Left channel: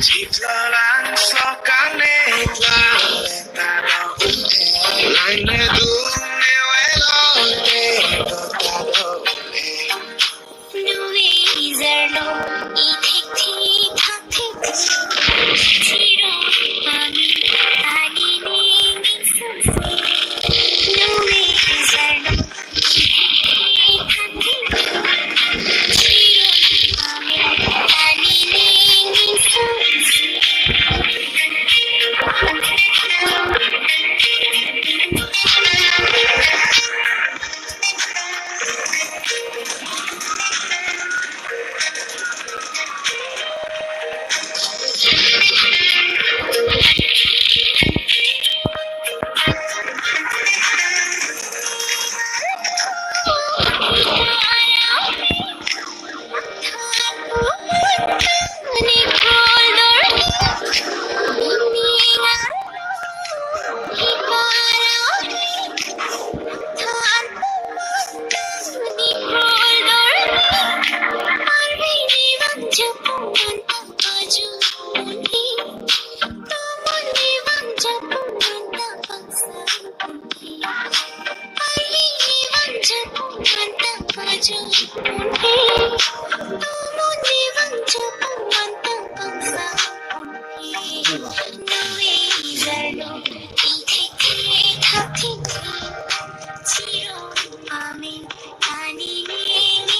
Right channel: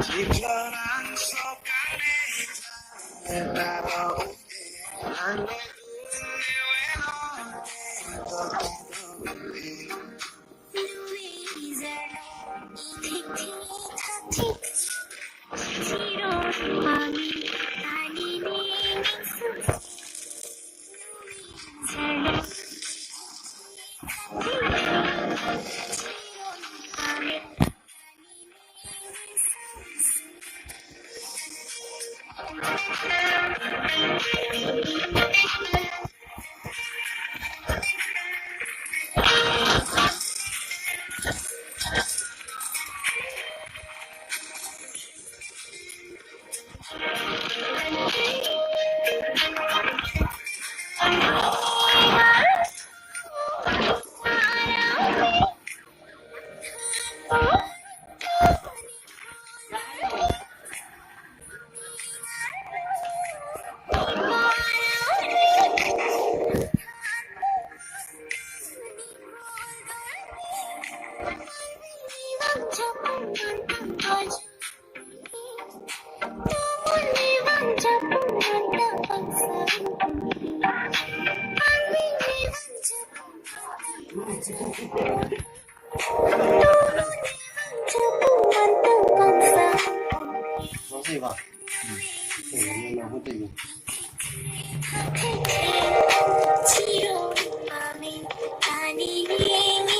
Titlalang sokanetla Taro unte Langme dunne welote Taro unte Nuwe izarlo Ithik thik thak thik Tiro mami Ani ning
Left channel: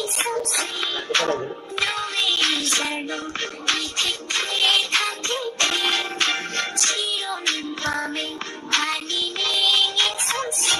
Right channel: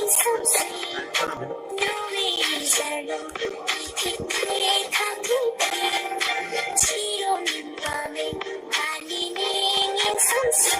iksansi Nuwe izarlo Ithik thik thak thik Tiro mami Ani ning iksansi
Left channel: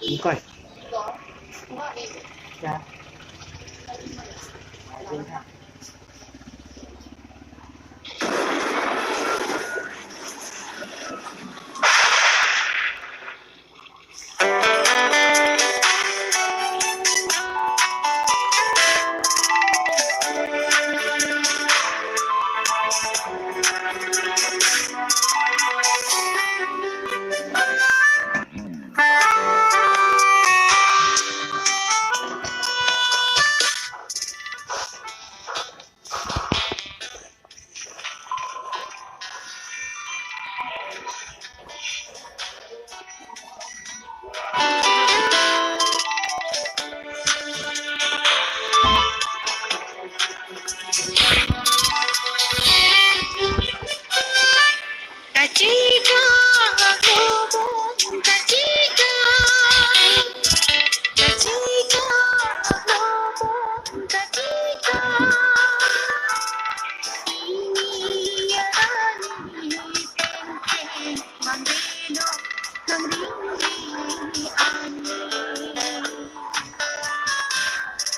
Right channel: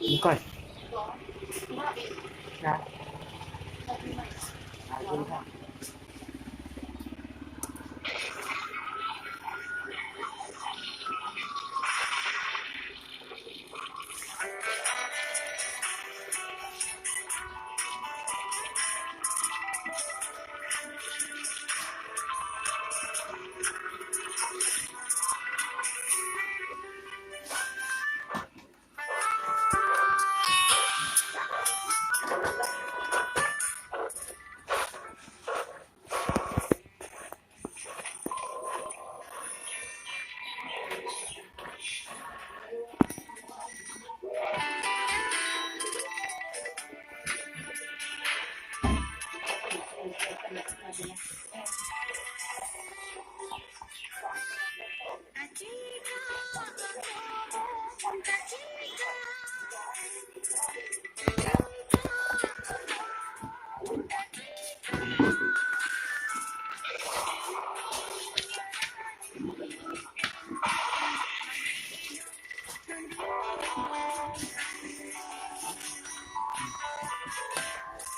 Đúng coi. Dạ.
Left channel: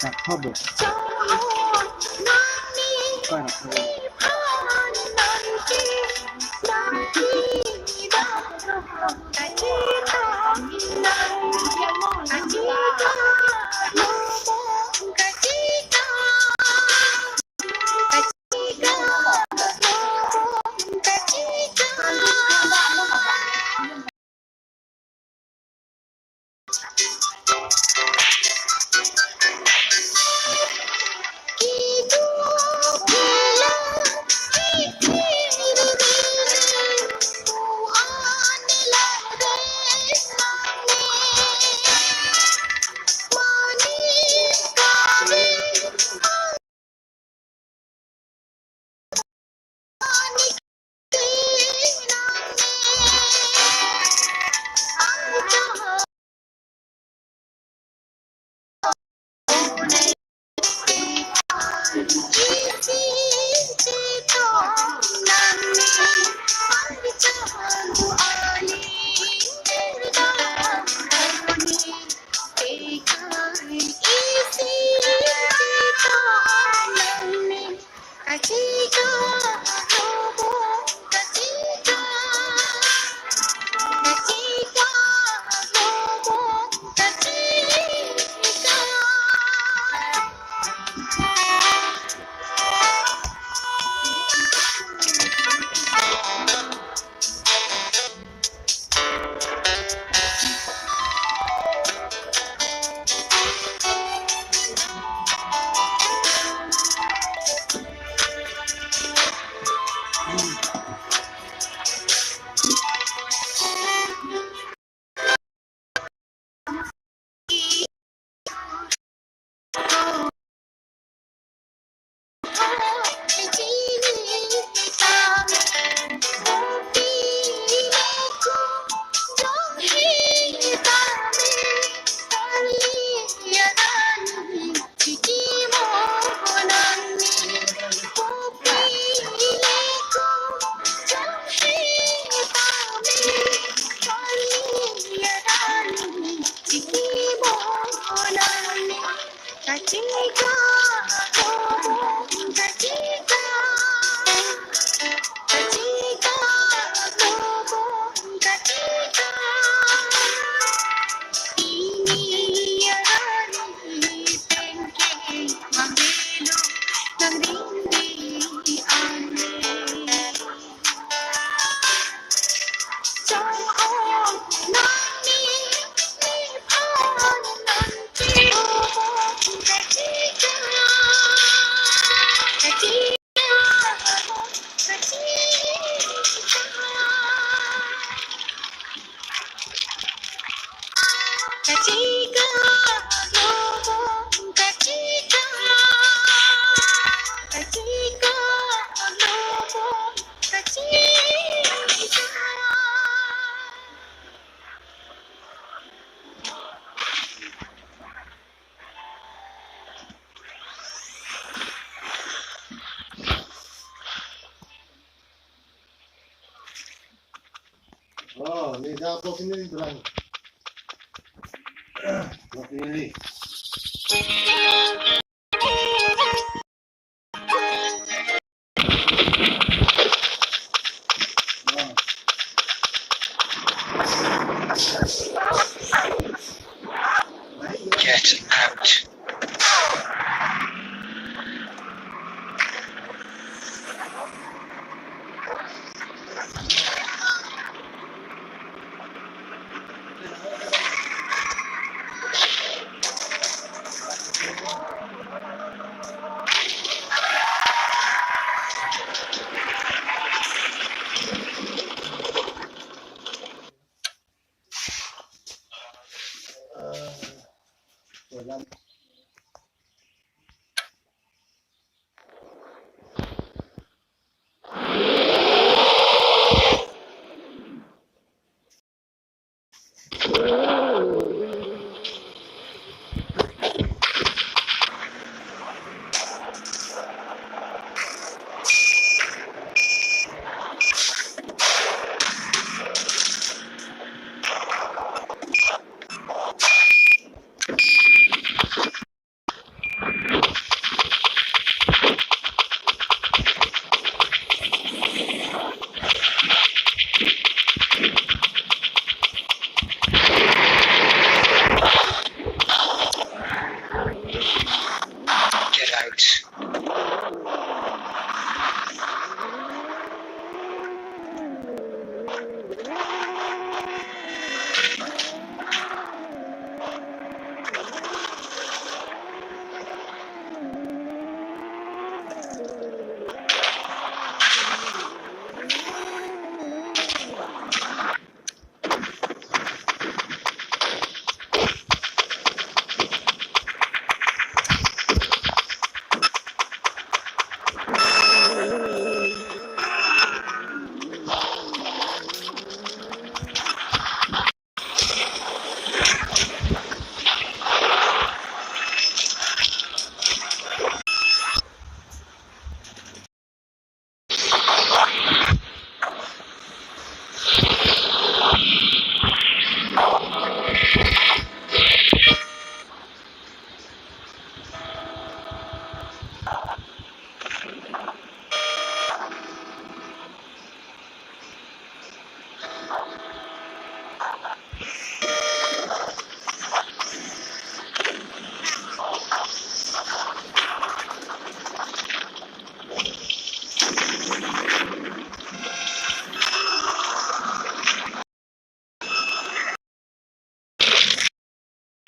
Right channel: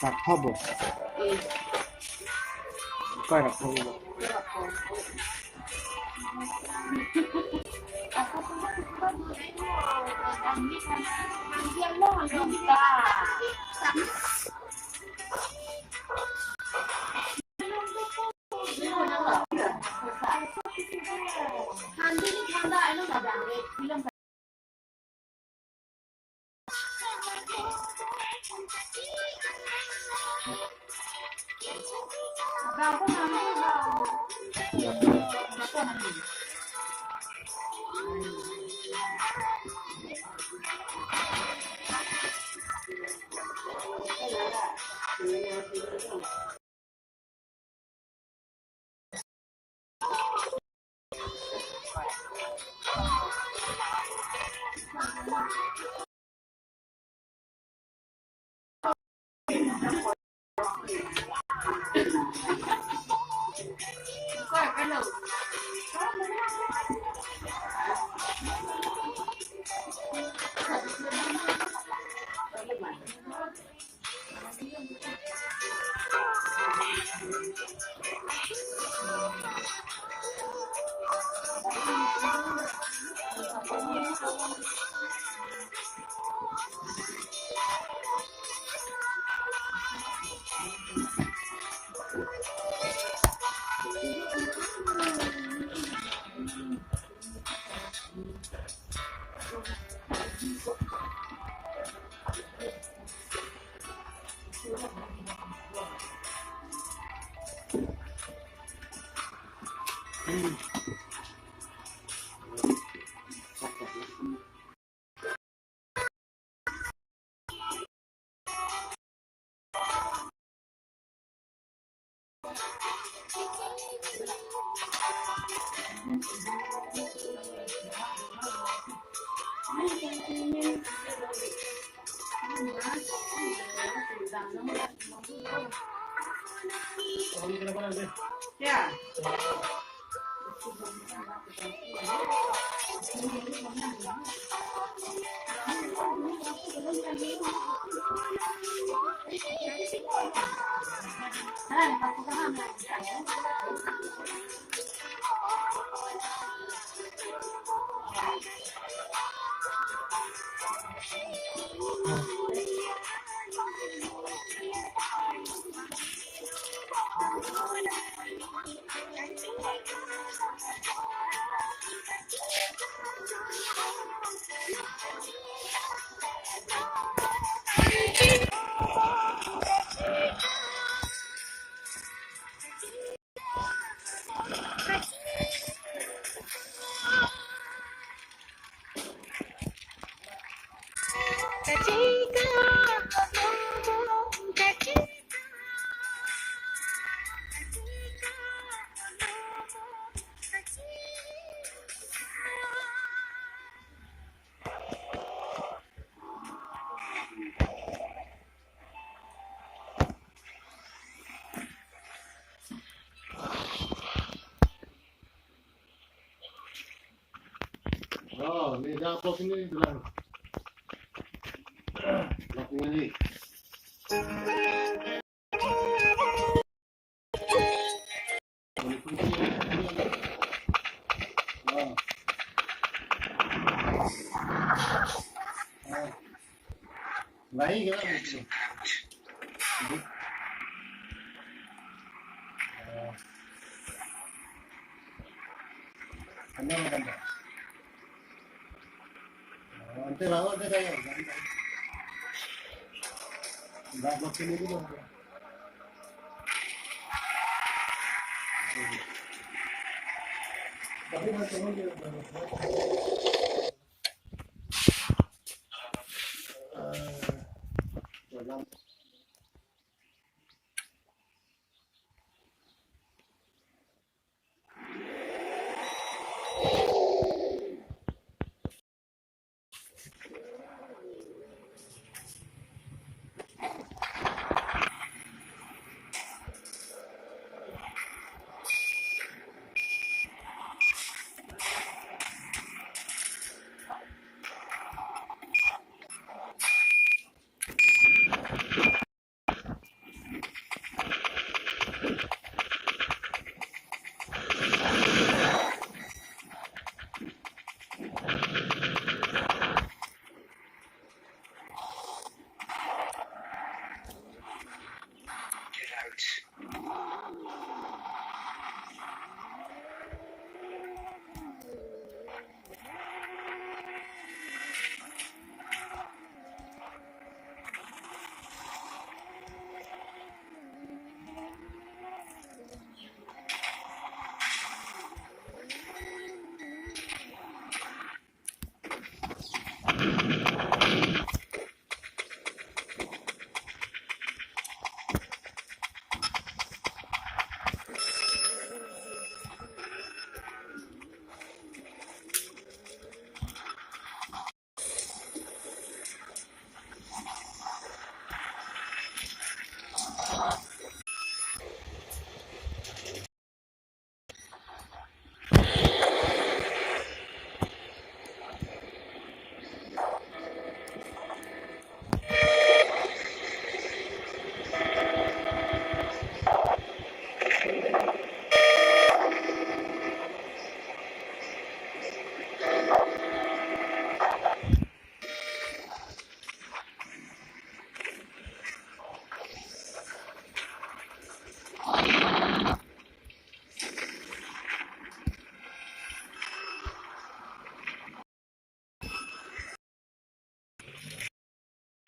Đặt hoa bột coi đặt hoa bột Oh, ni dapat ini berang. Dapat ini. Get out.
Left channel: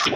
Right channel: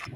So,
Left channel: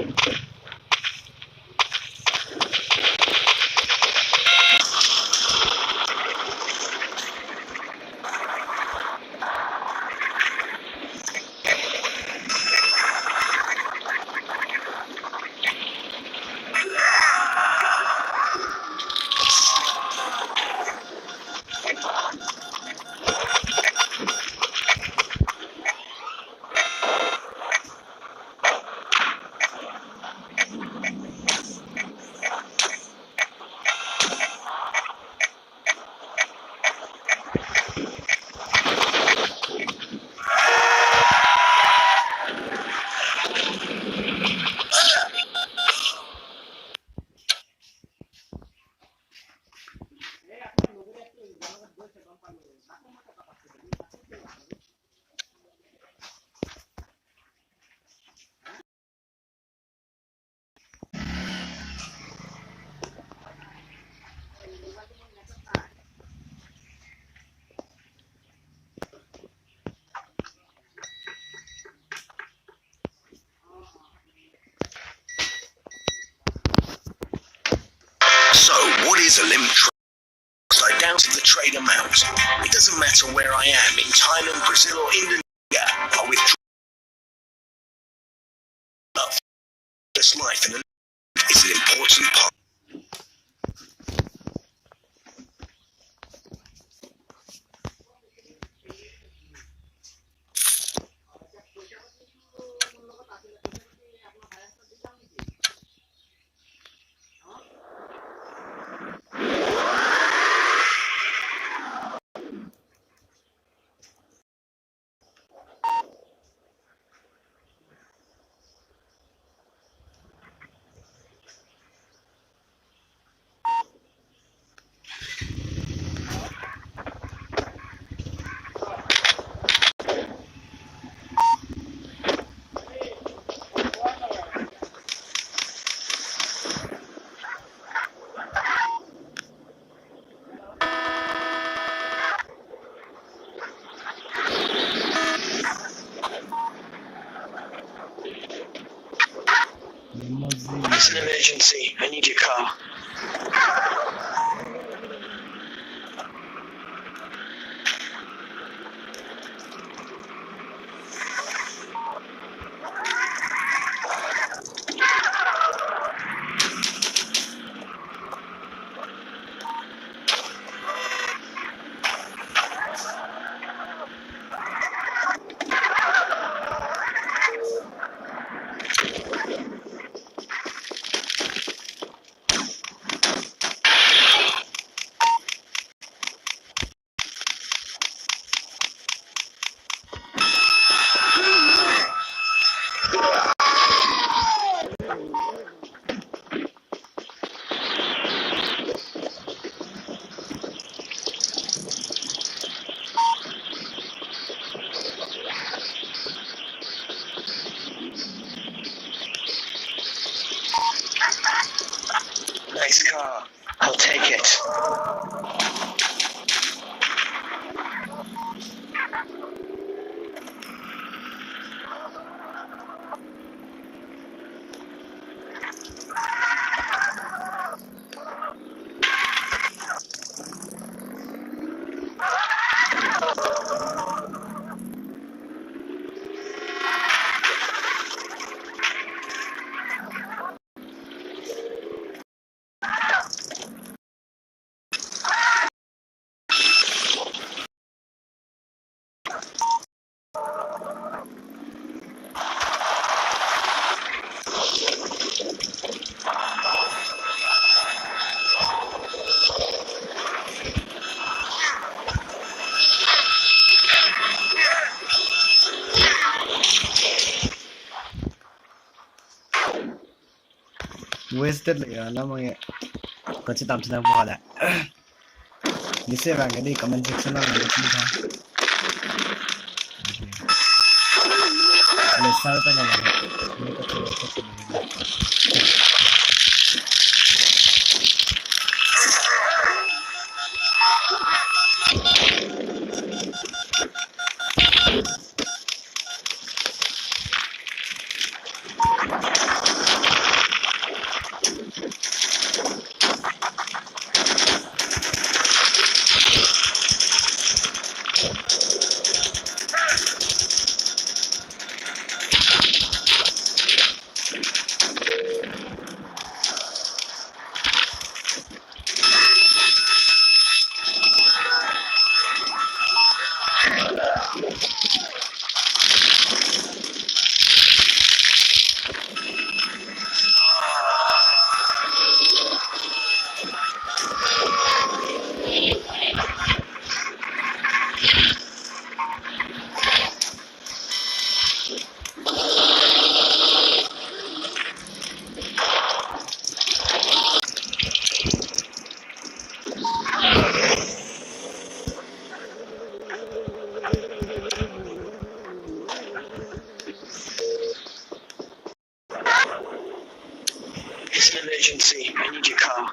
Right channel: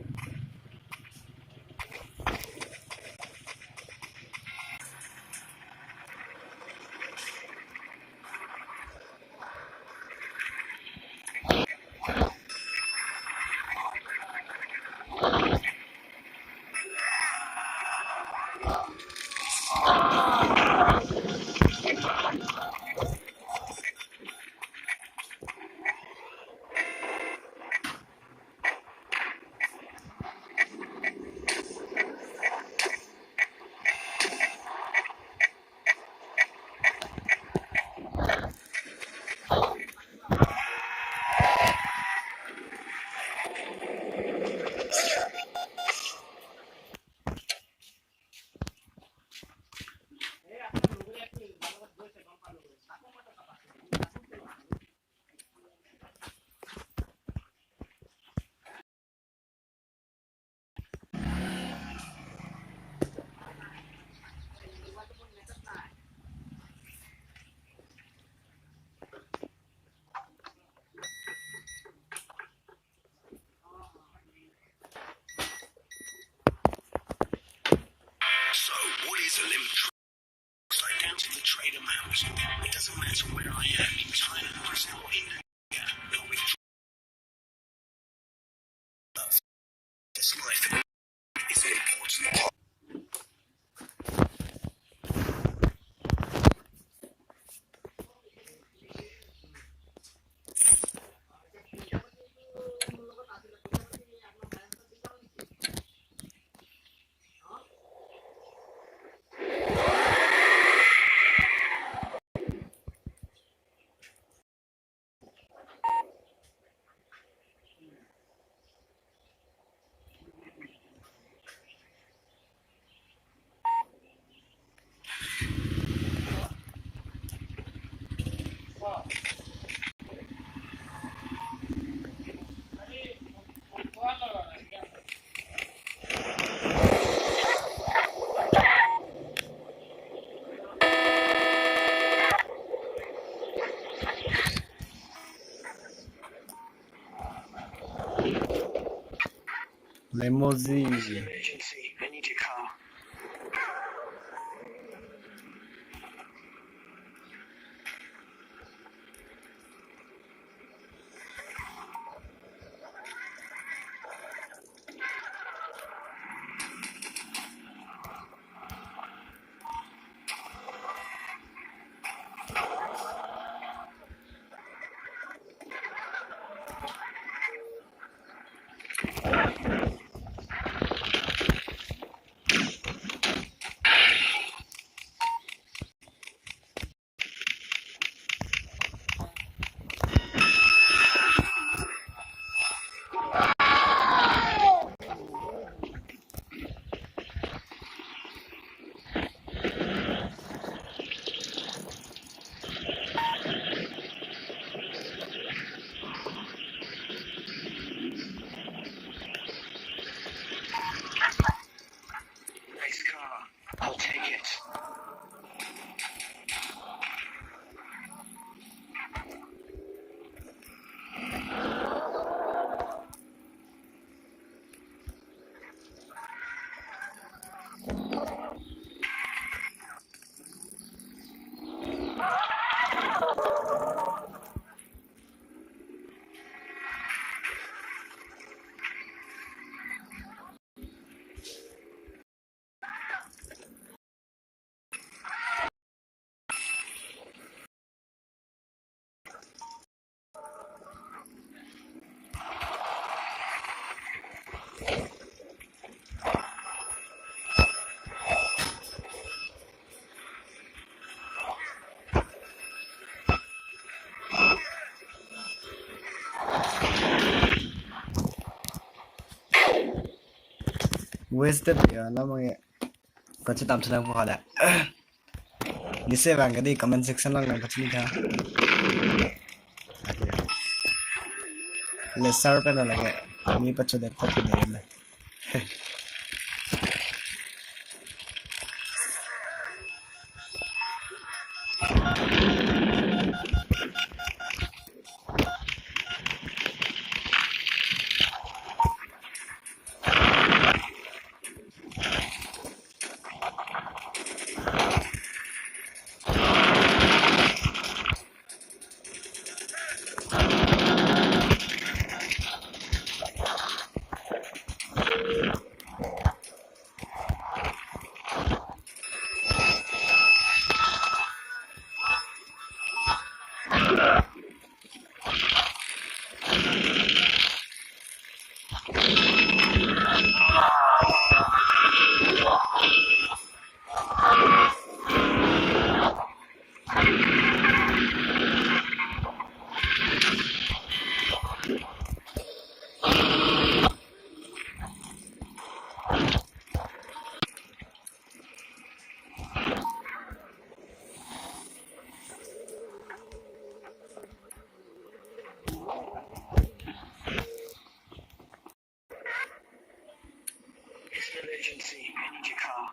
what is a limb trade? Down to the trade amount. It doesn't matter where I am, in Thailand, Brazil, or Indonesia. I withdraw this life and is an important part. Limousine. It's an emergency. I need your car. Nice car. I'll take it. Wasted ya namanya. Kau tam sedang buat ada. Gise bang di comment section lah nak cakap ni. Lesser pa na lang. Hindi pa tulog pa pinay. It's an emergency. I need your car.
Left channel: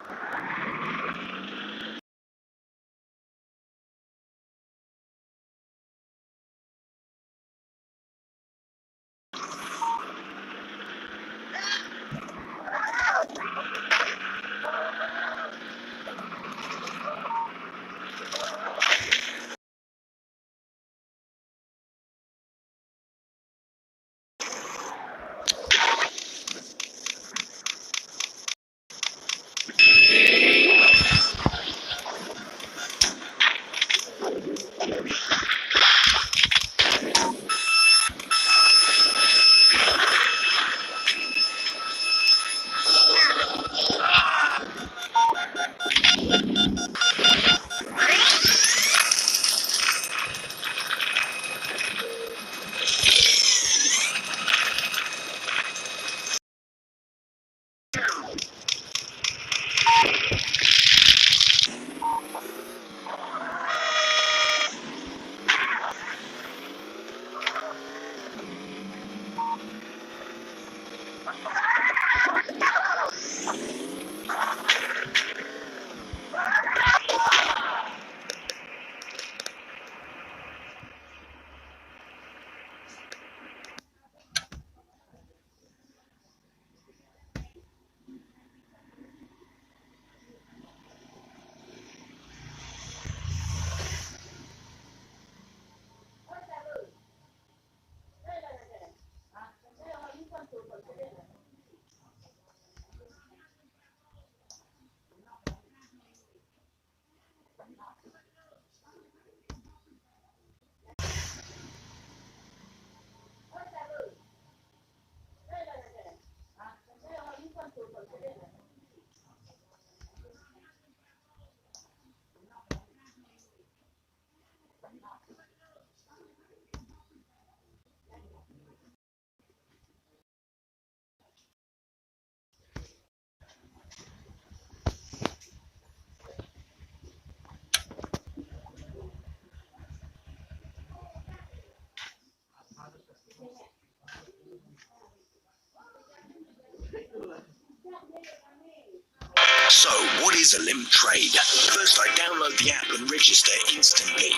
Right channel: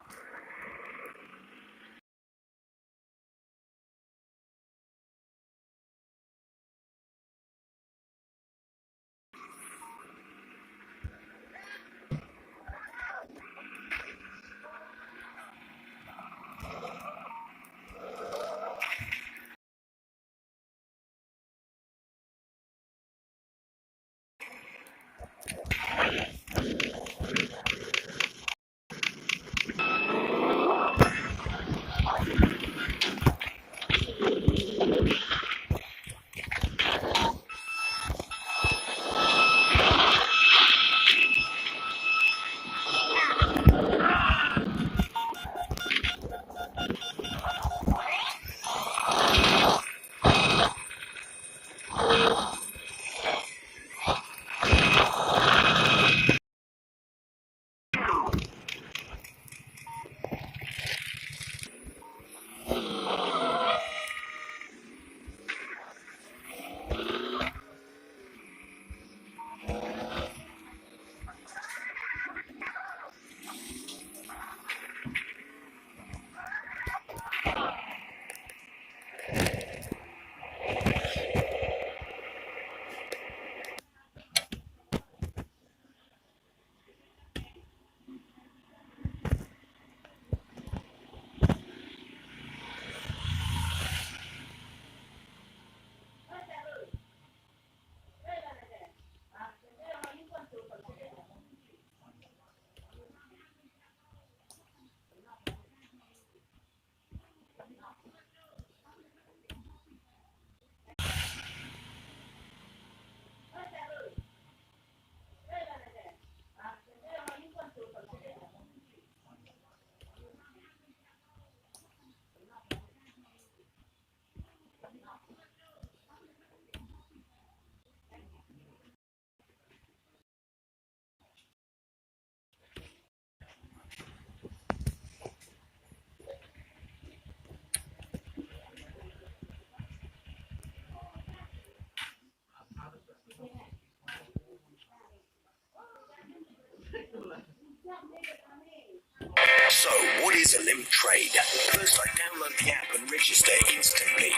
So, what is a limp trade? First, I download the app and register instantly.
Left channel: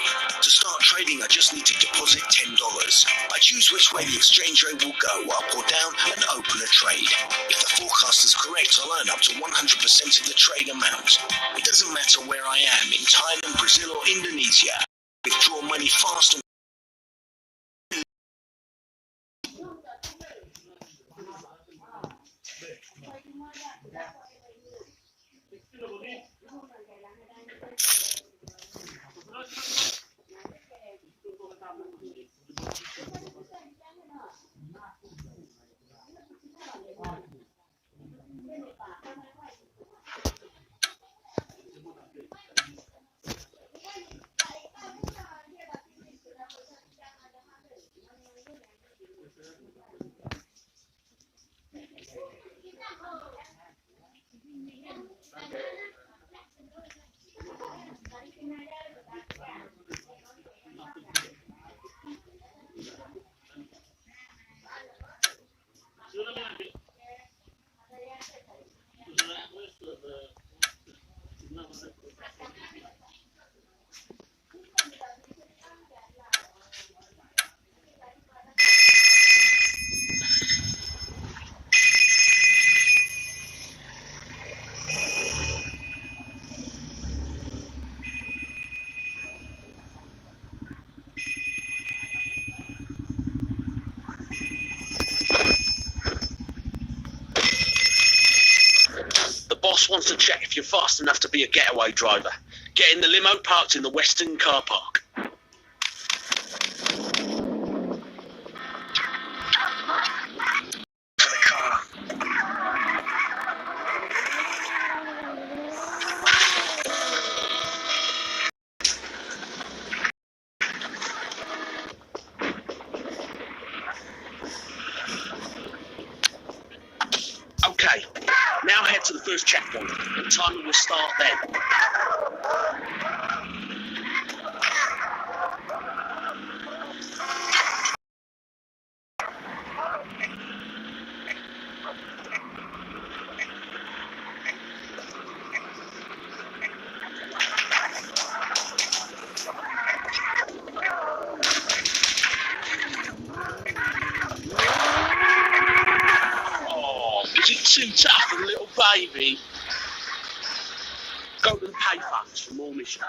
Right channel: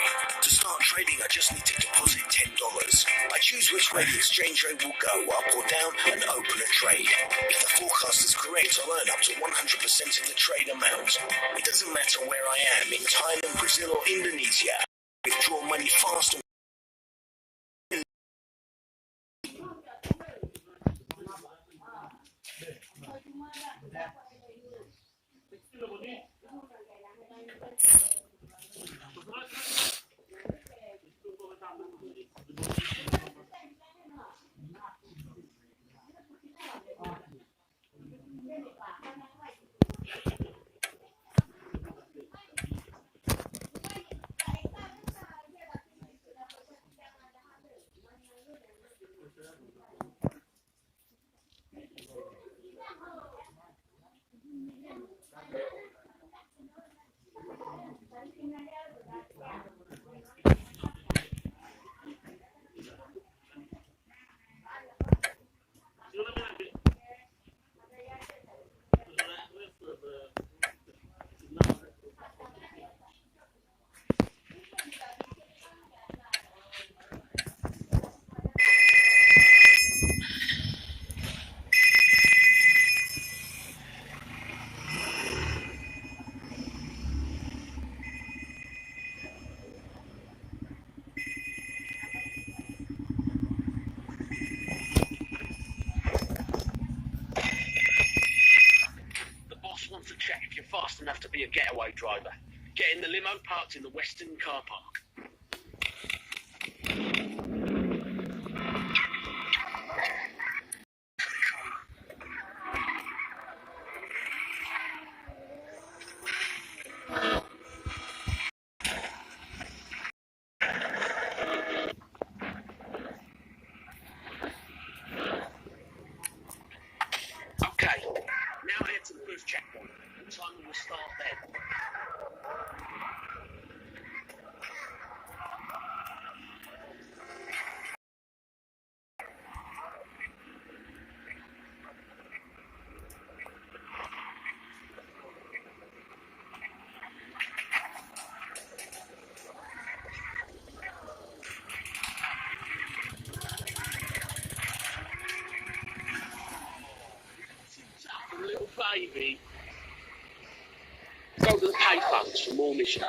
To start trading, I just need to deposit $10. I choose which way the exchange rate will go, up or down, and open a trade. If the forecast is correct, I'll earn up to 100% of the trade amount. It doesn't matter where I am, in Thailand, Brazil, or Indonesia. Withdraw money fast and the boss wants to check if you're fast enough to be a getaway driver. Get in the limo parked in the Western car park. For the car. Okay, now head to the first checkpoint. The timer will start then. is it too tough for a little baby? Go to the payphones for more missions.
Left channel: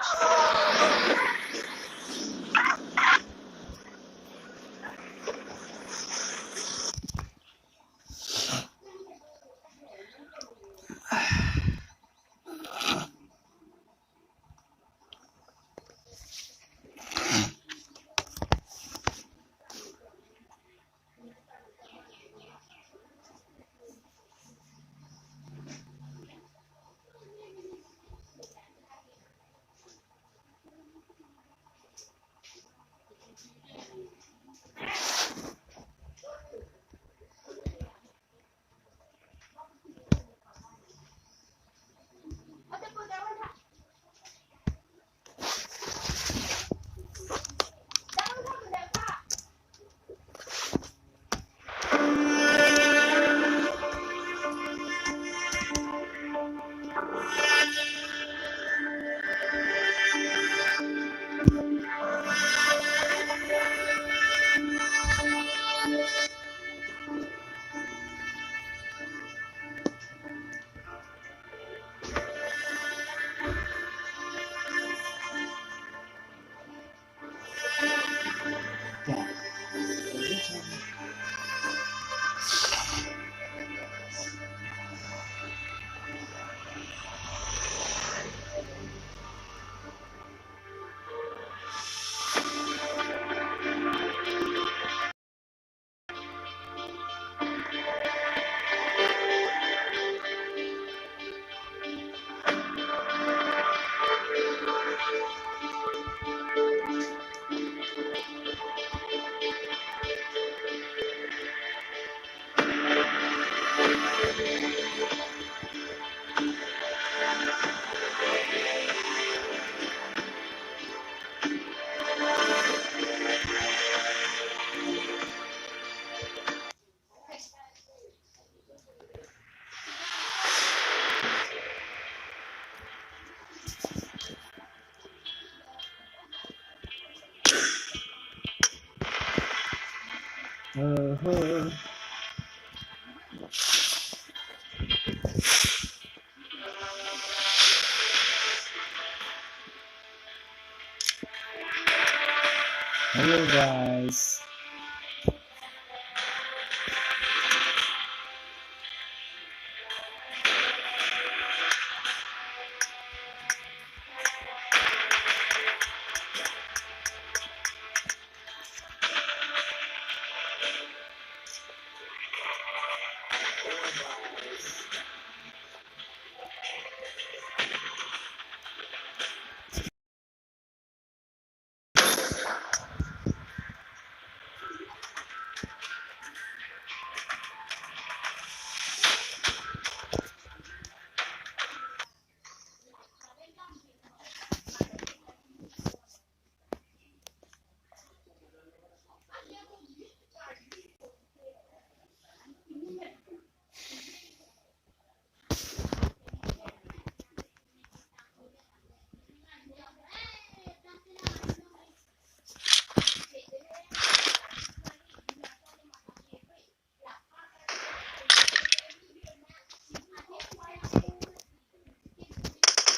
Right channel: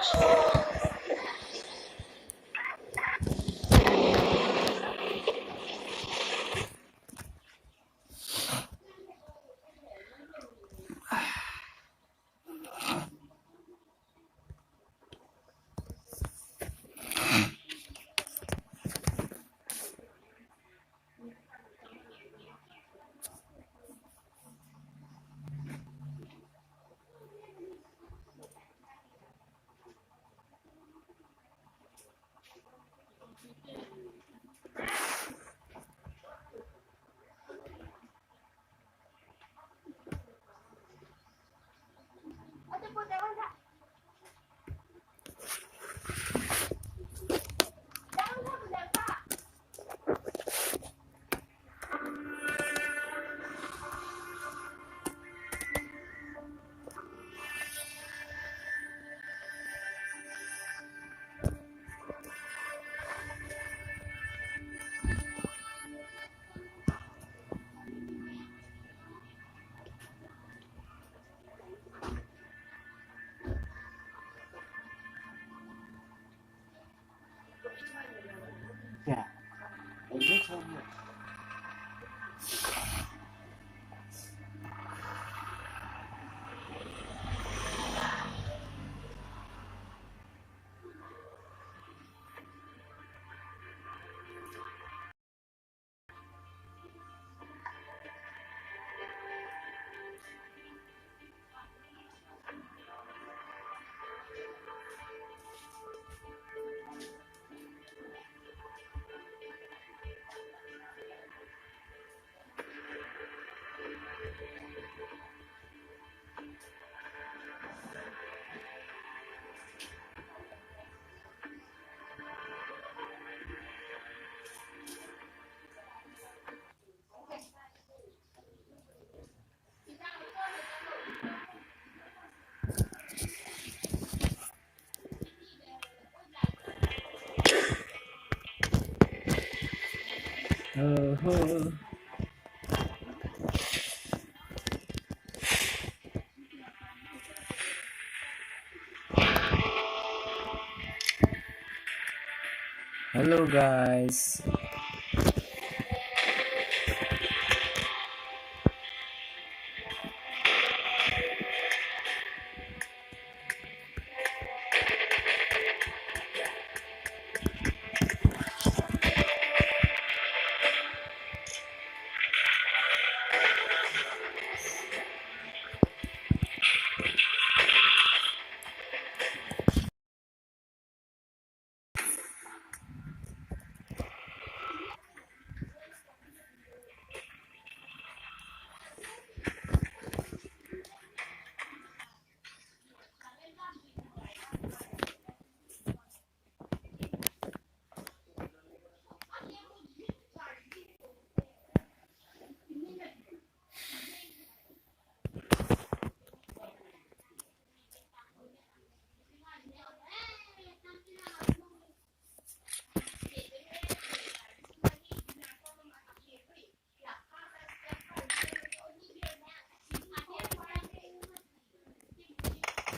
Hello guys.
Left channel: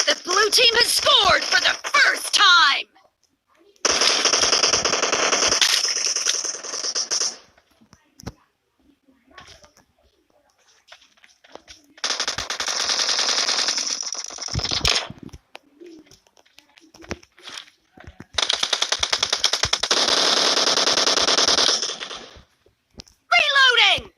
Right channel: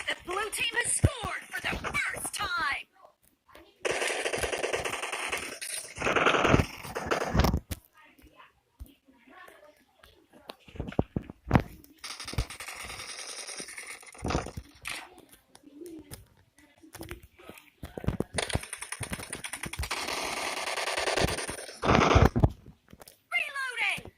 The blue team has scored for the first time! Reloading!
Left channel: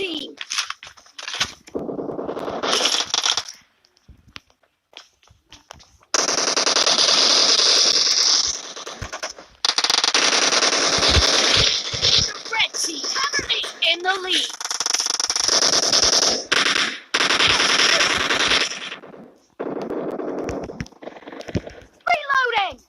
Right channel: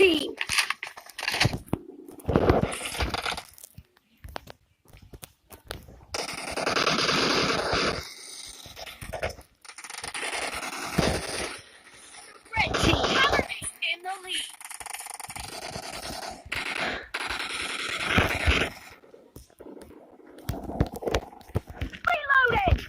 team. Red team is in the lead. Reloading.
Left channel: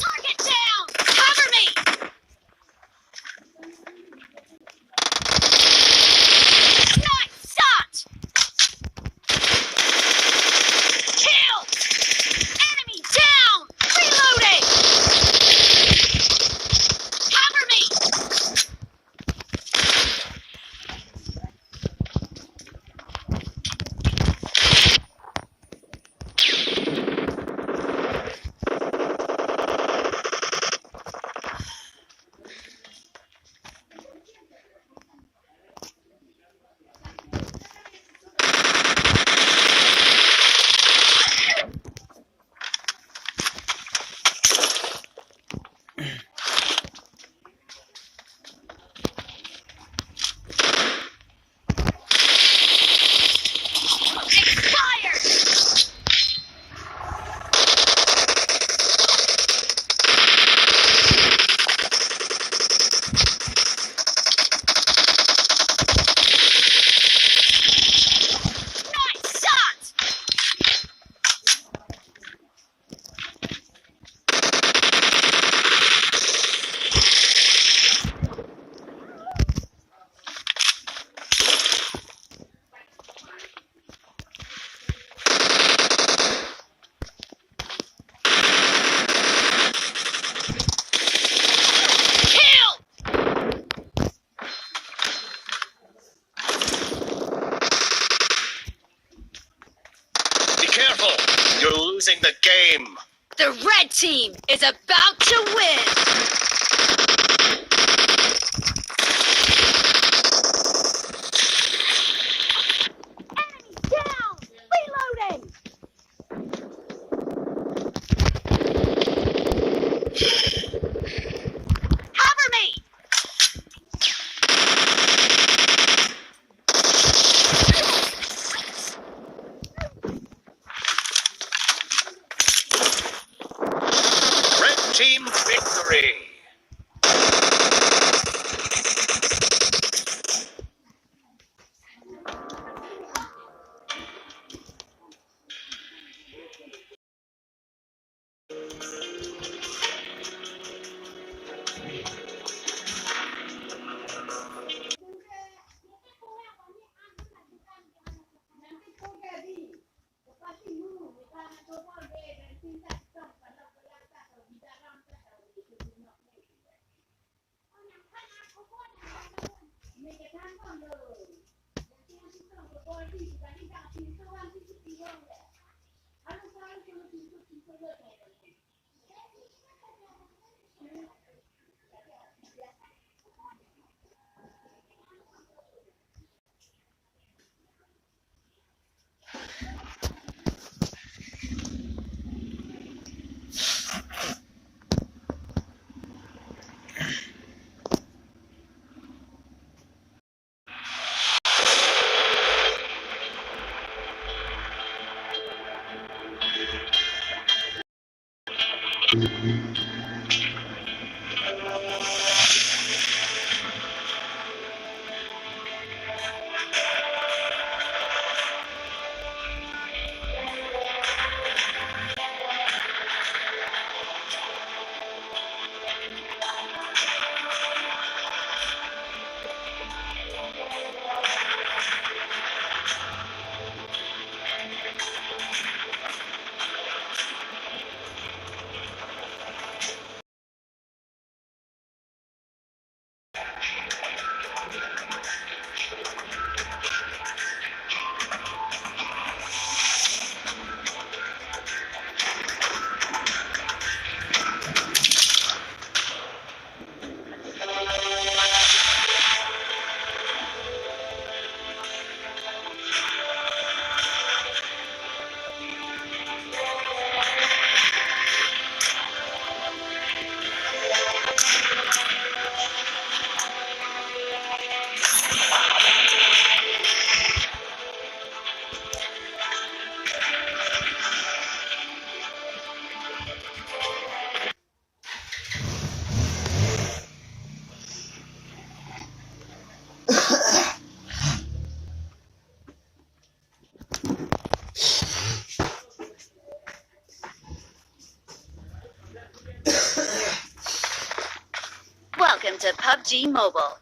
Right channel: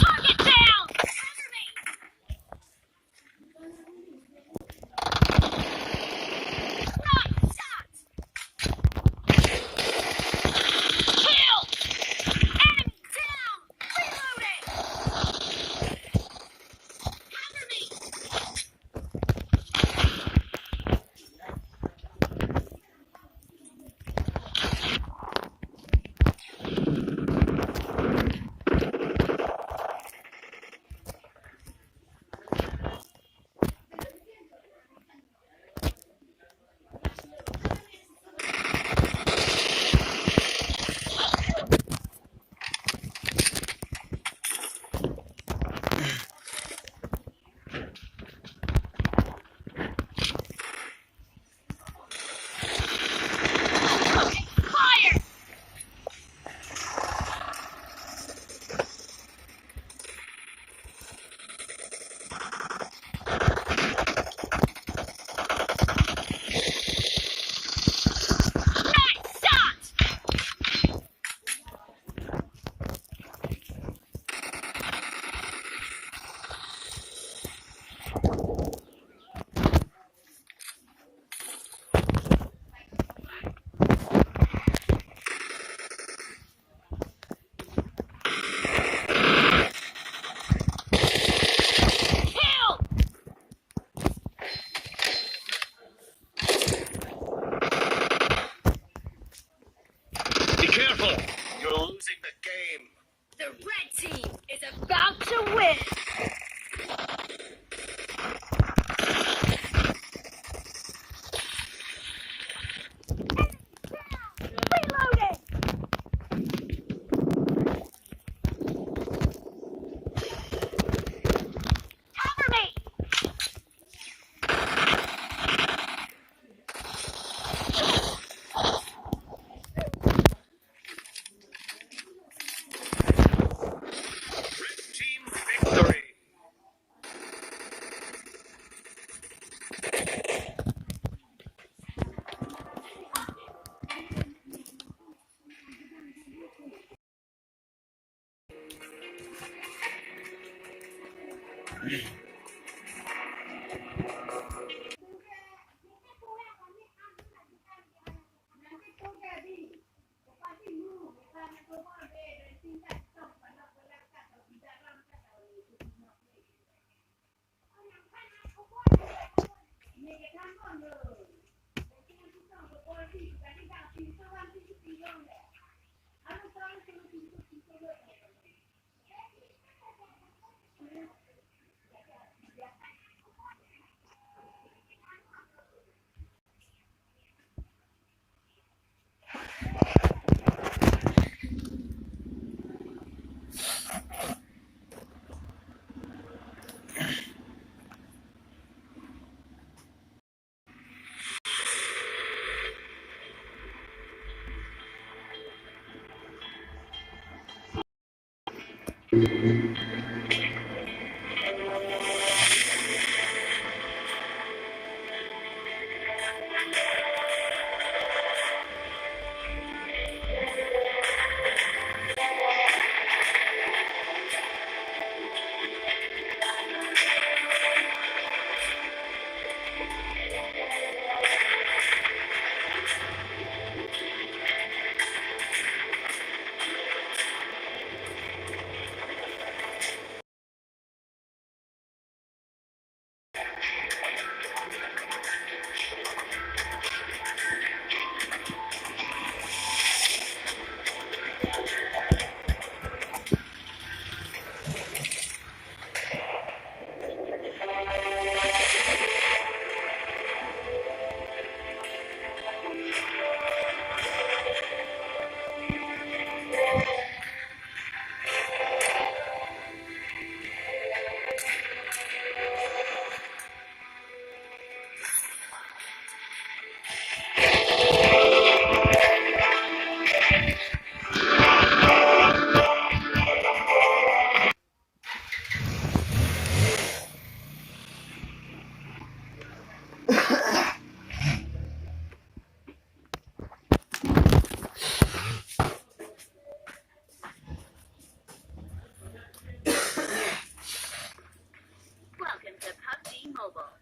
Target down. Cover me. Nice shot. Kill. Enemy down. Reloading. Cover me. Fire. Nice shot. Kill. Be careful! You're losing the game! The red team is about to win. Enemy down. Reloading. Cover me. Red team victory! PUBG Mobile.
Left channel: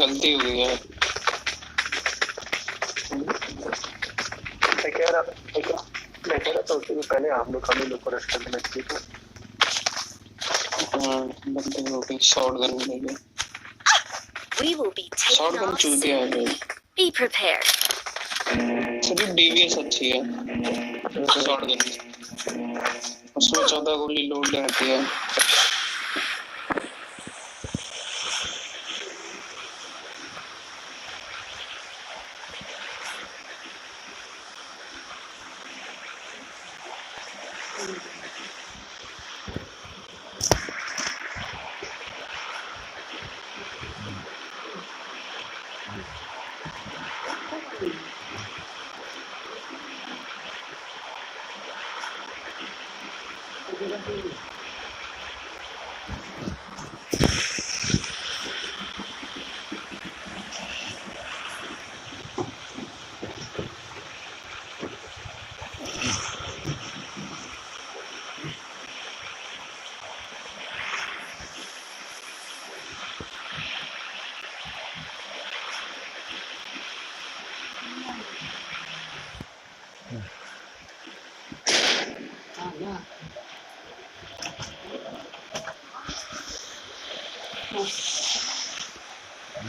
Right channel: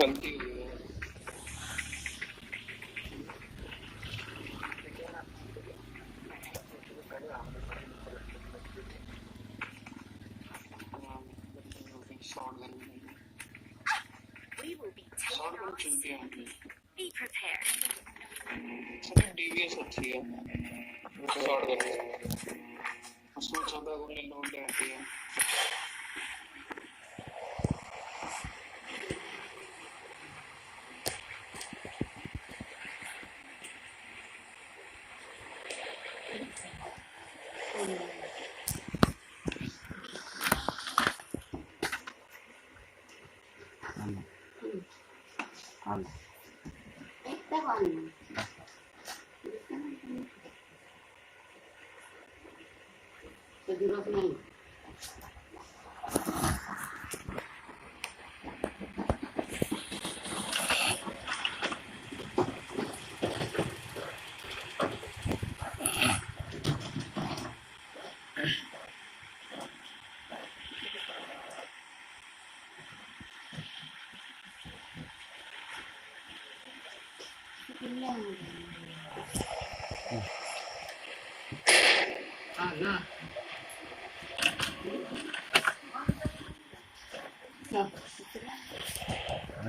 गलती हुई है मैं कह रहा था उससे पहले हम लोग हमें लोग रश करने लगते थे बंदे हो गए शॉटगन मिलेगी We will be taking shotgun off चूतिया है soon. Be prepared. सिर्फ डीवीएस अच्छी है शॉटगन उसमें 14 गोली लोड रहती है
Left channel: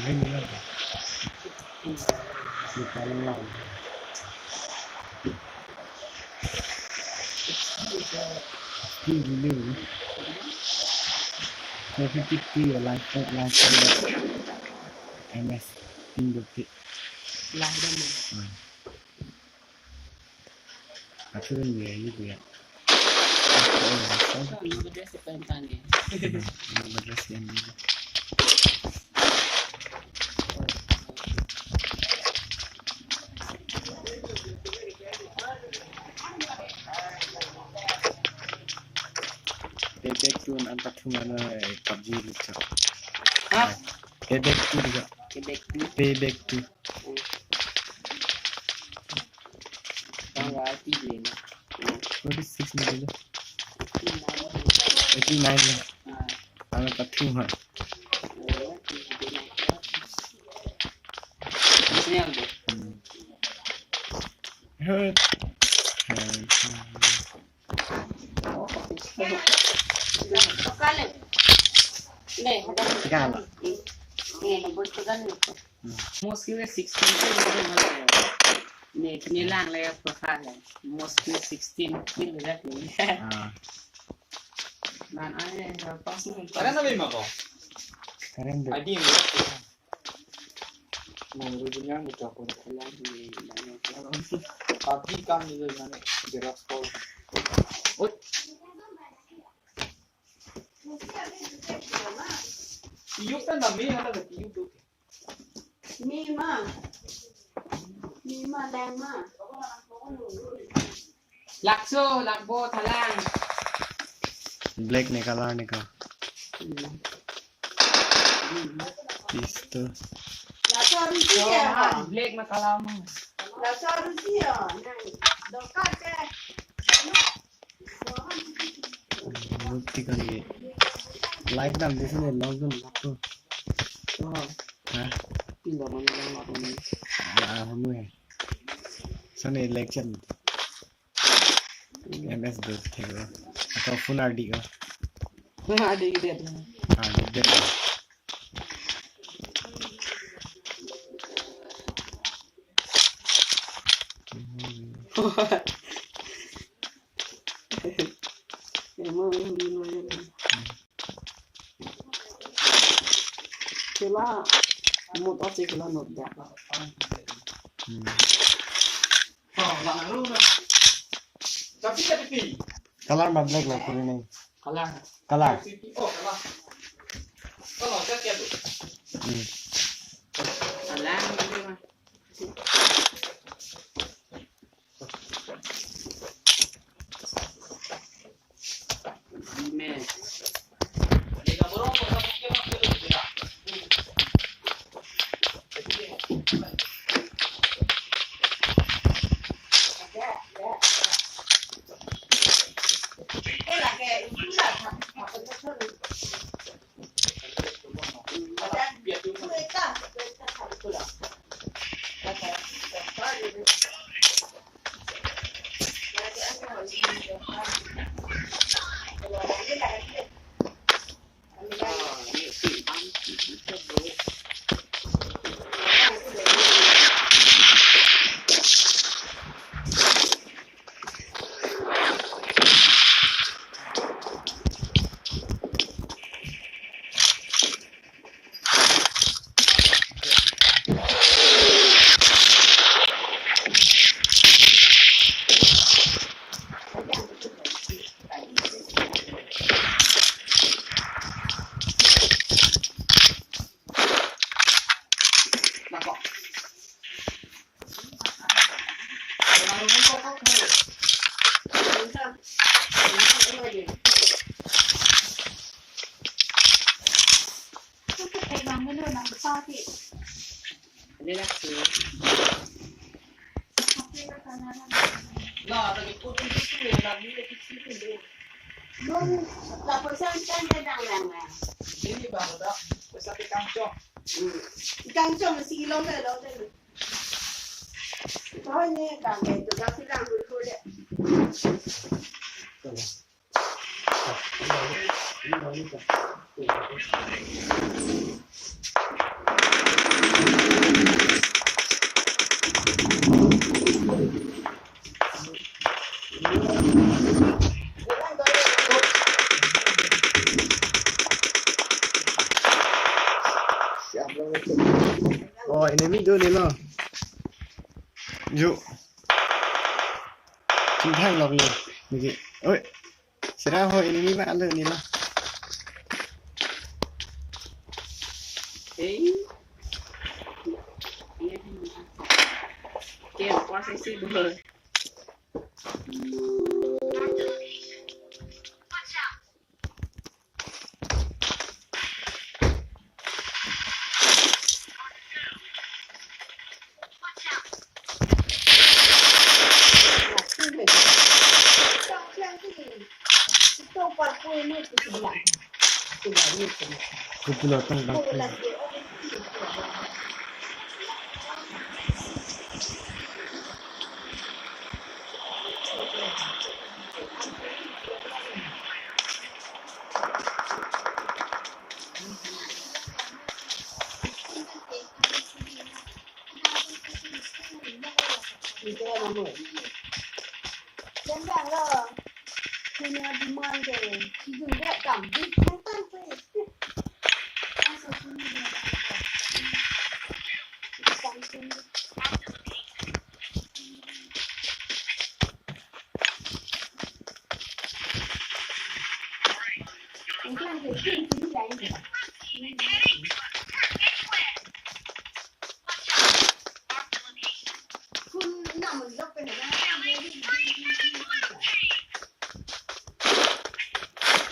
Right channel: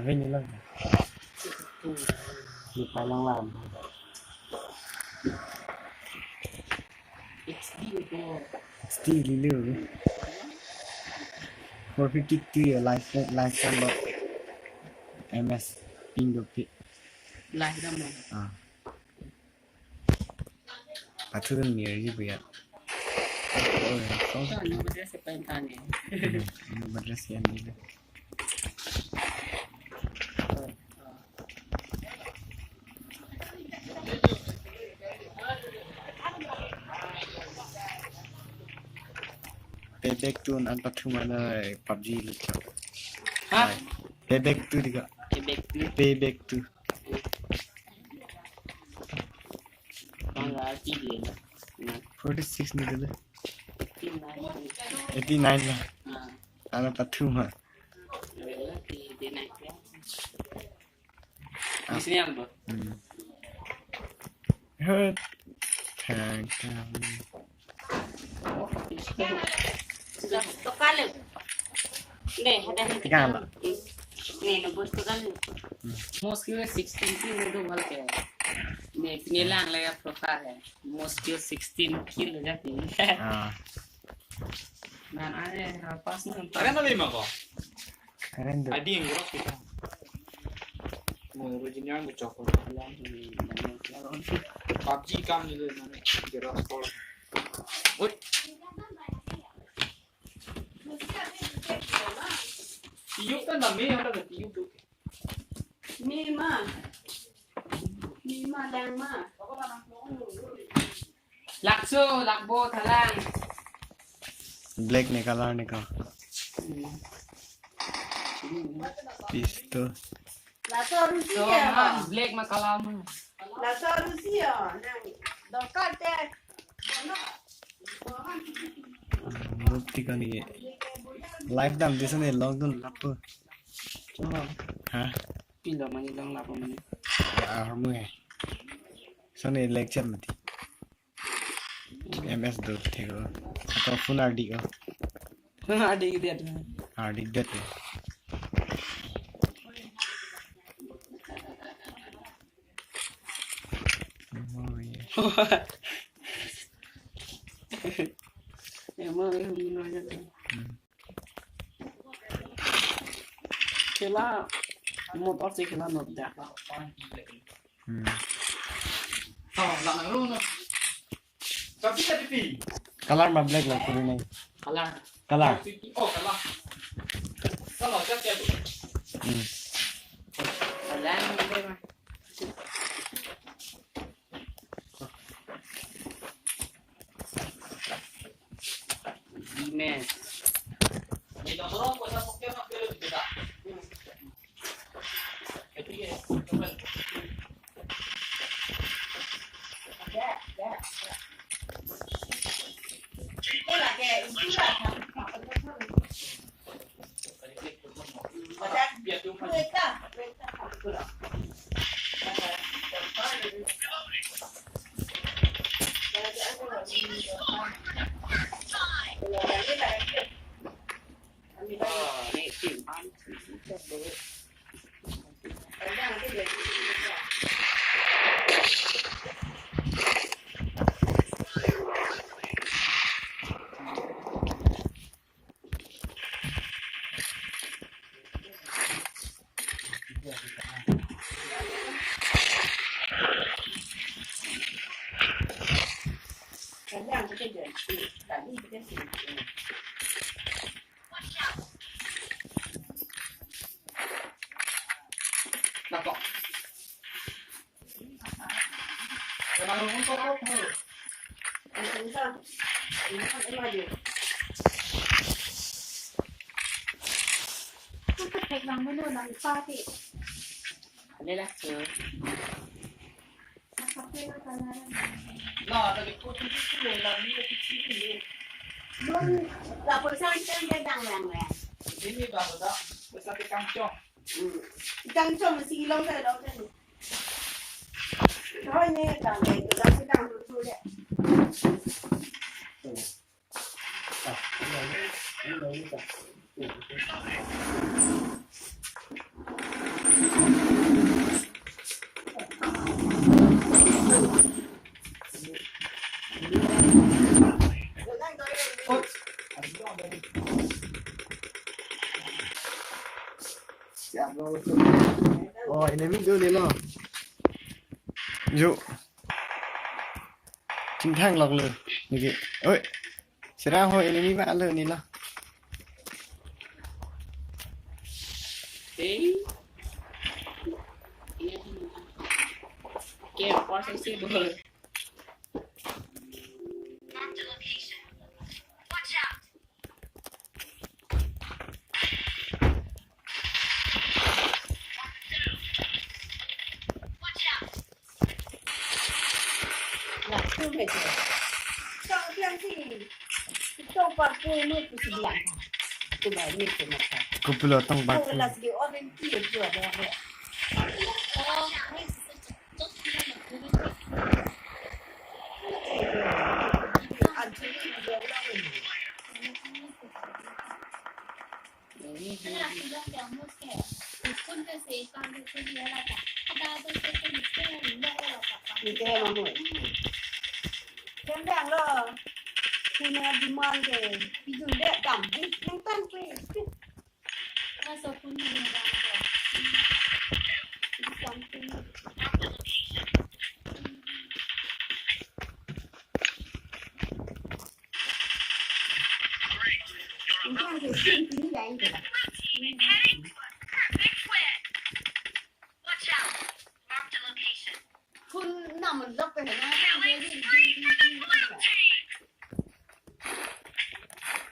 Cái gì lâu đi qua lăng làm still lưu 453 live MS ping được kì Live đó mà thương nhiều như vậy Nó bật ra sẽ bên ta nhỉ madrasah ni Payback tu an pathu mana PUBG licho. Payback tu juga. Payback tu. Tanggal 3 ni. 46 ni dulu. 89 lah. Ana pathu mah. Sini ambo. Hurt. Tiga lah. Mostly 16 kill मुझे मिल गया ने नीलांग ले profile है mostly 16 kill जाती है dan ada pas nih Karen na lima ko? Karen deh. Adi yang berapa? Mau rujunya nggak cokol. PUBG kam juga mana? Gerak pol. Oi. Tiup kan dami ada ke tiup tu? Mima dan ma lakso lakbo thalang Black ne color ne ka. Pistol. black ma kalam Mukti kan ye. Like dam desa ne lockdown lapo. Ha? pindah mana yang lapo ni Ya armu hai. Sane lecture mati. MS do thego. Atau phone RD ka. ada ide ada RD det. emang yang di mana kela mod opsi kela not dah Oh, nak lu na. Tapi tadi pi. Color ma black lah kuri nahi. kalah Color. Oh, kalah. Kalah siapa tu? kalah gitu mah Ime. Ni dah berapa Đây là số. Là cái cô chúng tôi làm đi cái luôn là hồi sau chân đang làm này đến đi vào đó để sao cái cam cho căng cho mà xì lông cái đó đây thôi nè cả ngày tụi nó sẽ làm được thôi đấy Oh, enemy tu ni lah. Yuk. Chính thang lọc luôn. Như ơi. Sẽ ra hồi enemy bạn lên ni lah. Game quá sẽ xí bờ. Kupula tong bak. Chân đang rồi thì nó đi mang cái thì dùng để cảm đi không tăng cái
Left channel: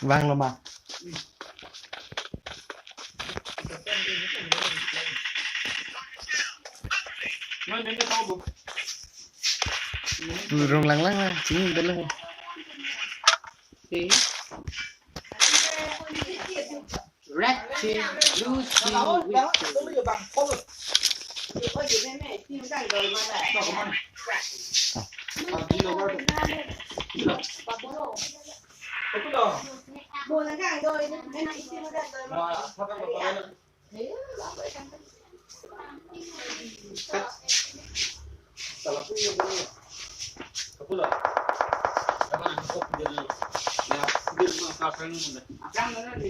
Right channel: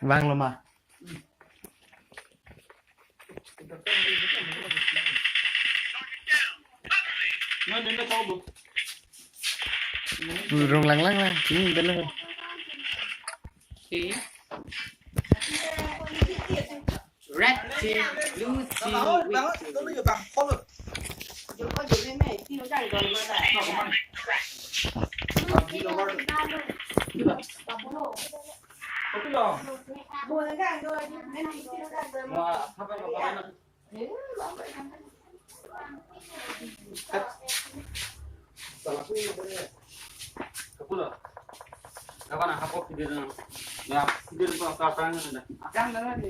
Vang luôn mà. nó đến cái câu bụng Rung lăng lăng lăng chính đến luôn. Tí. Red team, blue team, đó white đó team. tôi bây giờ bằng có được có gì cái này tiêu ra rồi mà lại nó có mang đi đâu rồi đi đâu cái đó buồn là cái rồi cái này tiêu ra rồi mà nó có nó salah punya kapula apa nak hapok dia ya dia mau kapan ada Akan đó thì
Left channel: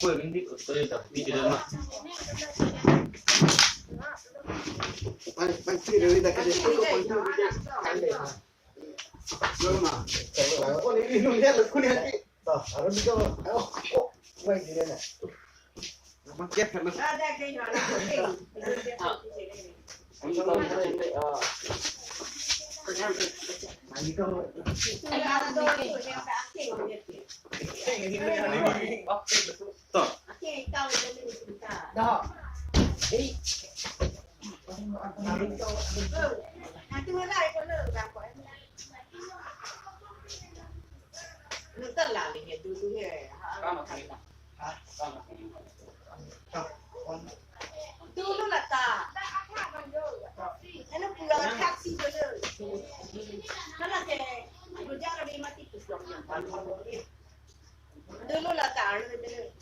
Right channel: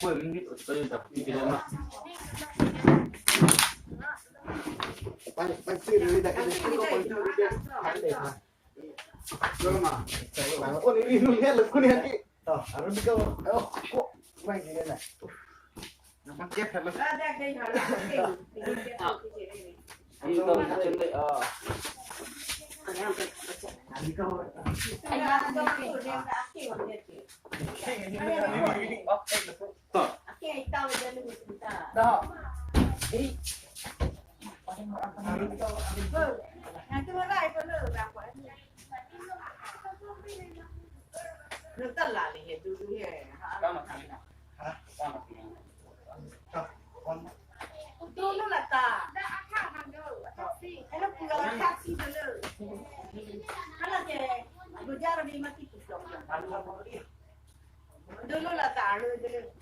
kue ini tôi đặt đi cái đó Pan chia dari dak ada tu pan tu. Sama. Oh ni lu lihat lu lihat ni. Toh, harus juga. Oh, kok baik dia nak. Nampak dia sama. ra cái nhỏ là cái ini kalau kita cendek Ani kau. dah nó tất là lihat dulu ya. Kamu kan? Kamu kan? Dulu lah tak. Enak pulang taksi dulu. Karena saya berjalan di mati kusuk. Dulu lah tak dulu.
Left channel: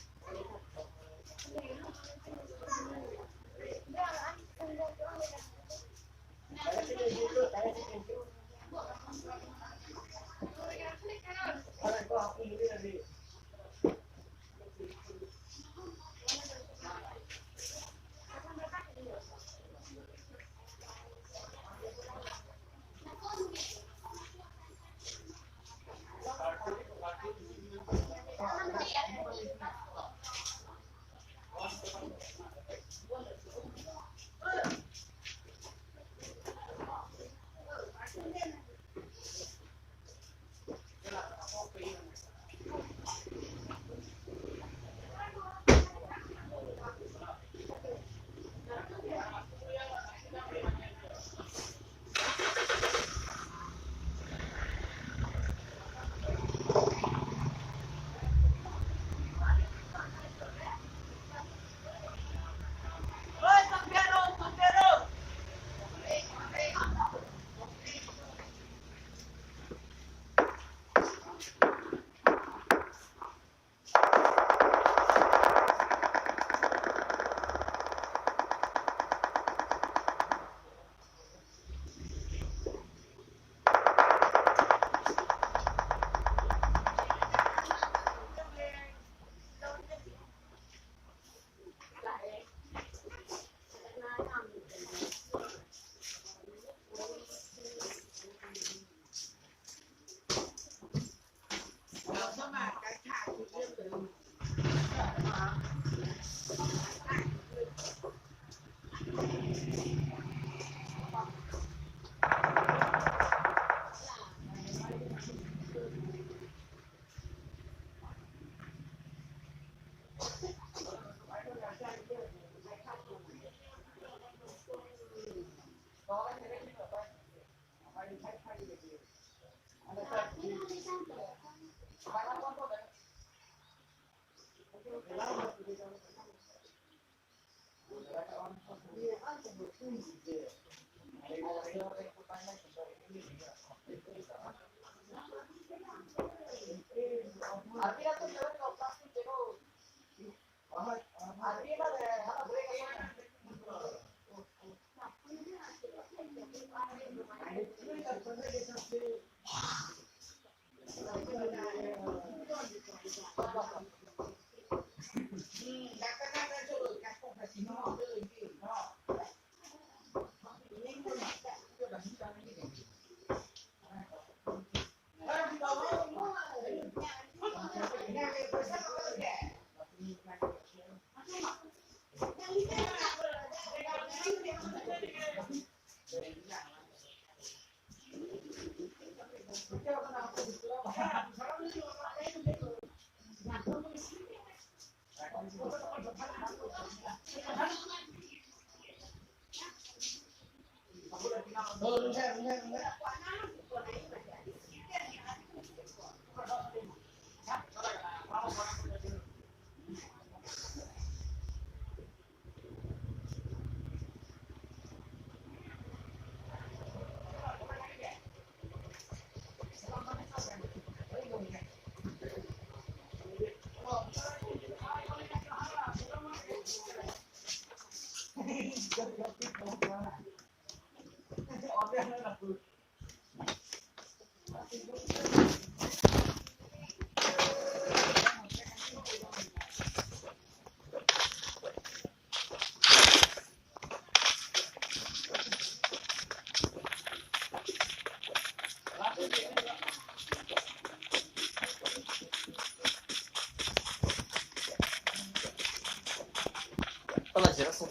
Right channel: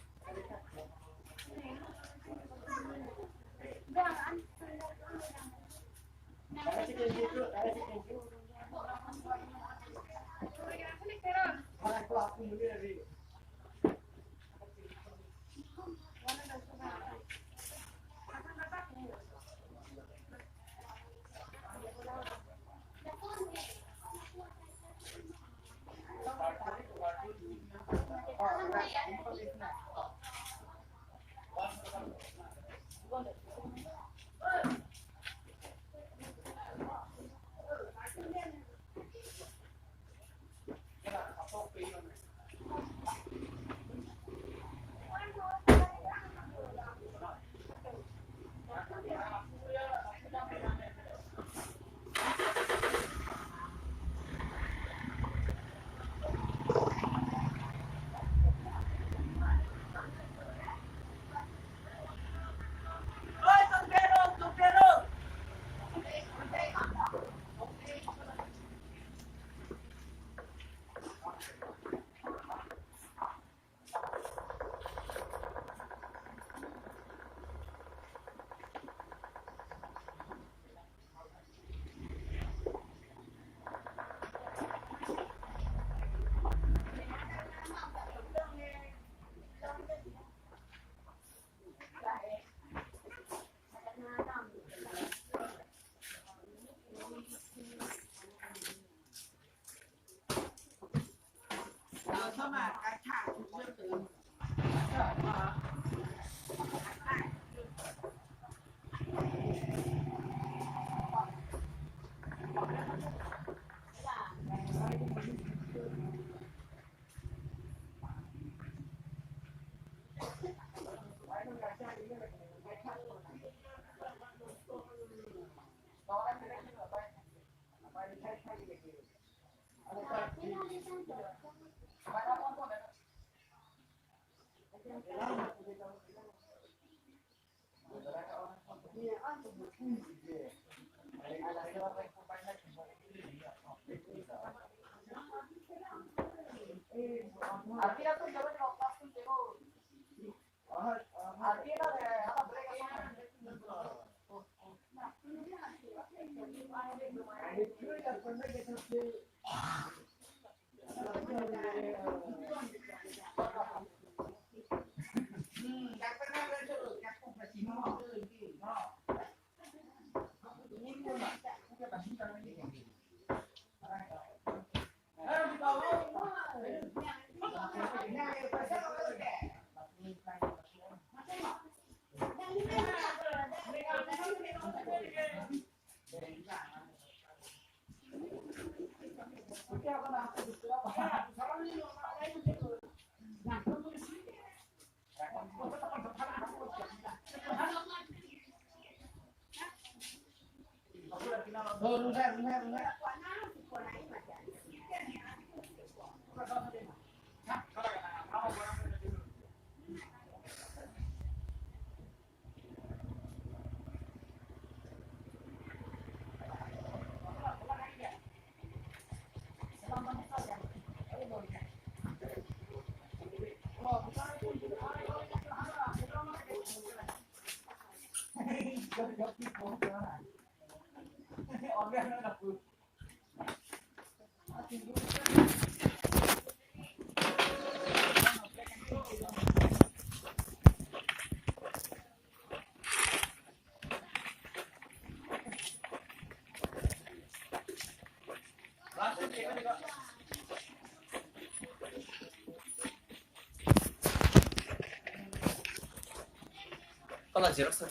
Xerox.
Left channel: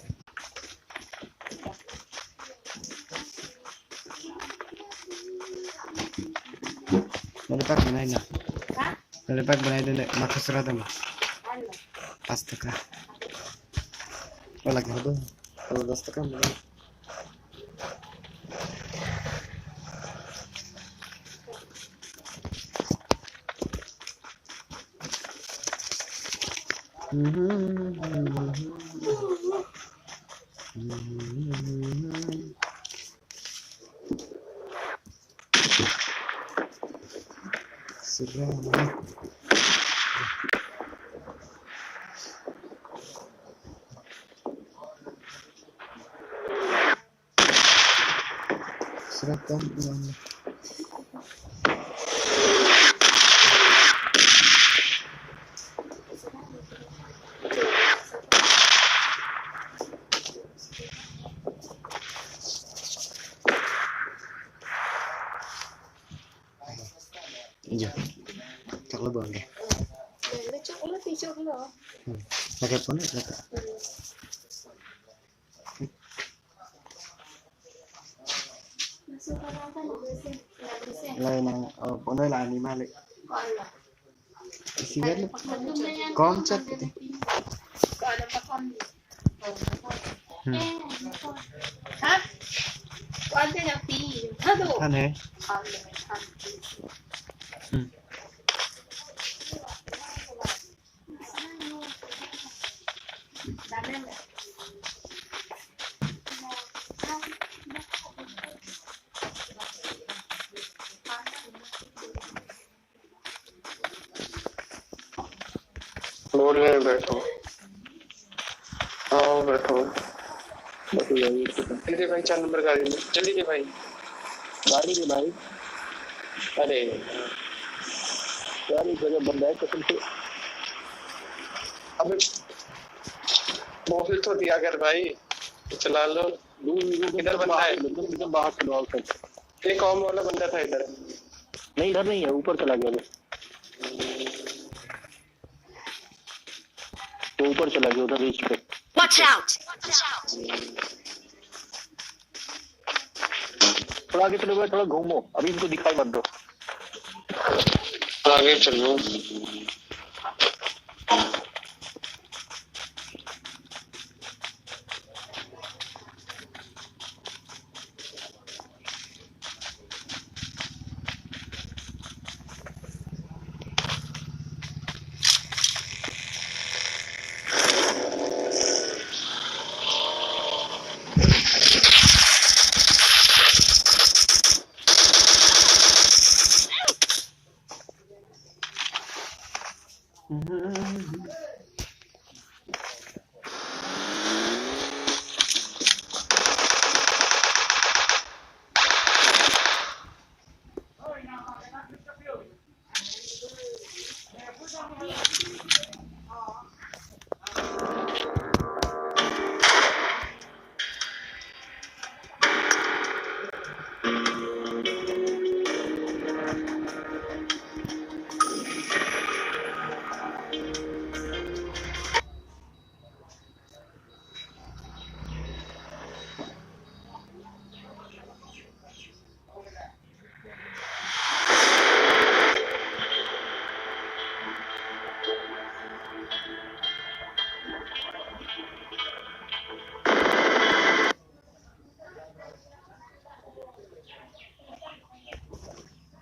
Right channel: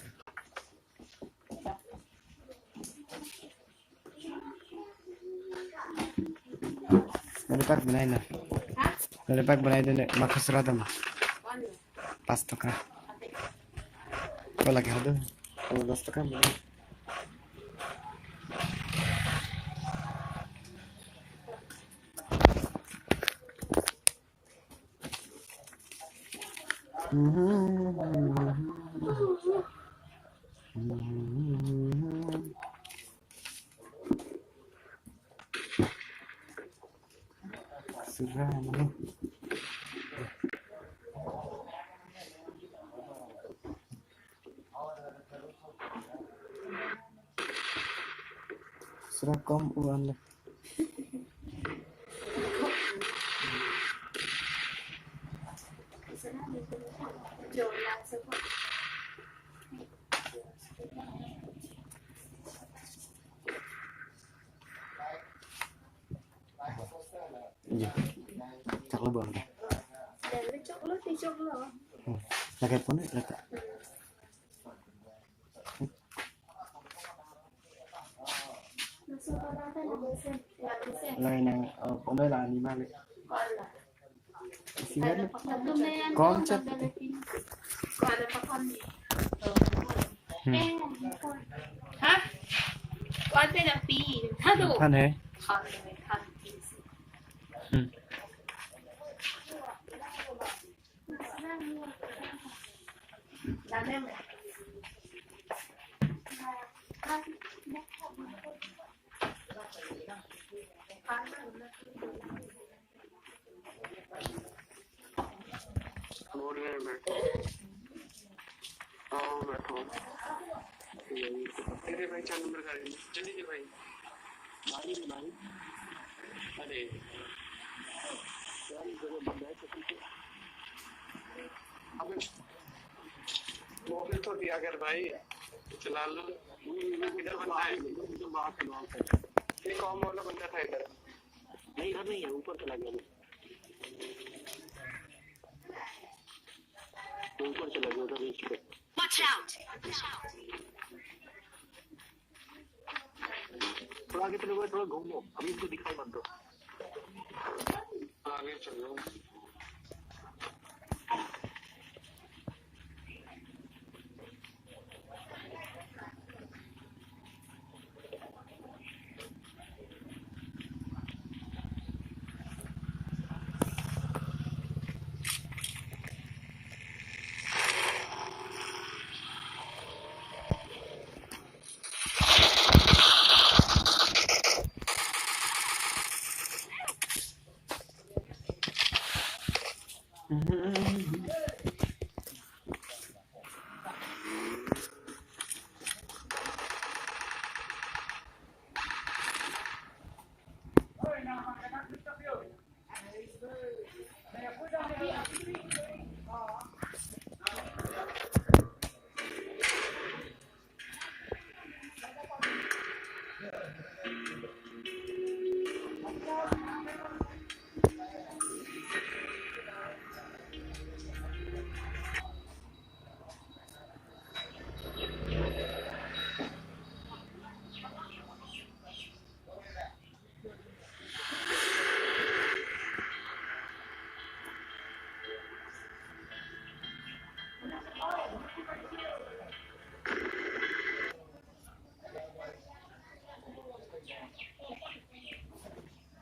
Nalipak बनाए ना नलिपाक बनाए देने माखस रहा था पाँच टका वाला क्या होता है तो 10 टका मिले Seram. Serakam uang. Iya. Chắc là bường kìa. Để nó chốc lướt đi chốc nữa. Là cái phone là cái. Lại nàng ở bọn đây là anima lại. Xí hết luôn. Con chất vậy. Gọi là con gì? Hả? Con tên là Phi. Hả đủ? Thân thế. Con là thân. Làm em này. Road में बैठो आओ बैठो जल्दी भाई 4 number गाड़ी में जल्दी दे भाई गाड़ी के भाई अरे गाड़ी जगह बंद है कसम से अबे मोबाइल तो दिया कर भाई चला लो इधर बंदा है एकदम बाहर चलो आउट एक कॉम वाला बंदा था इधर नहीं इधर नहीं है ऊपर चला गया वो ऊपर चला गया उधर रीच पे Watch out! थोड़ा आगे चलो थोड़ा घूमो अभी इनको दिखाई मत दो आगे चलो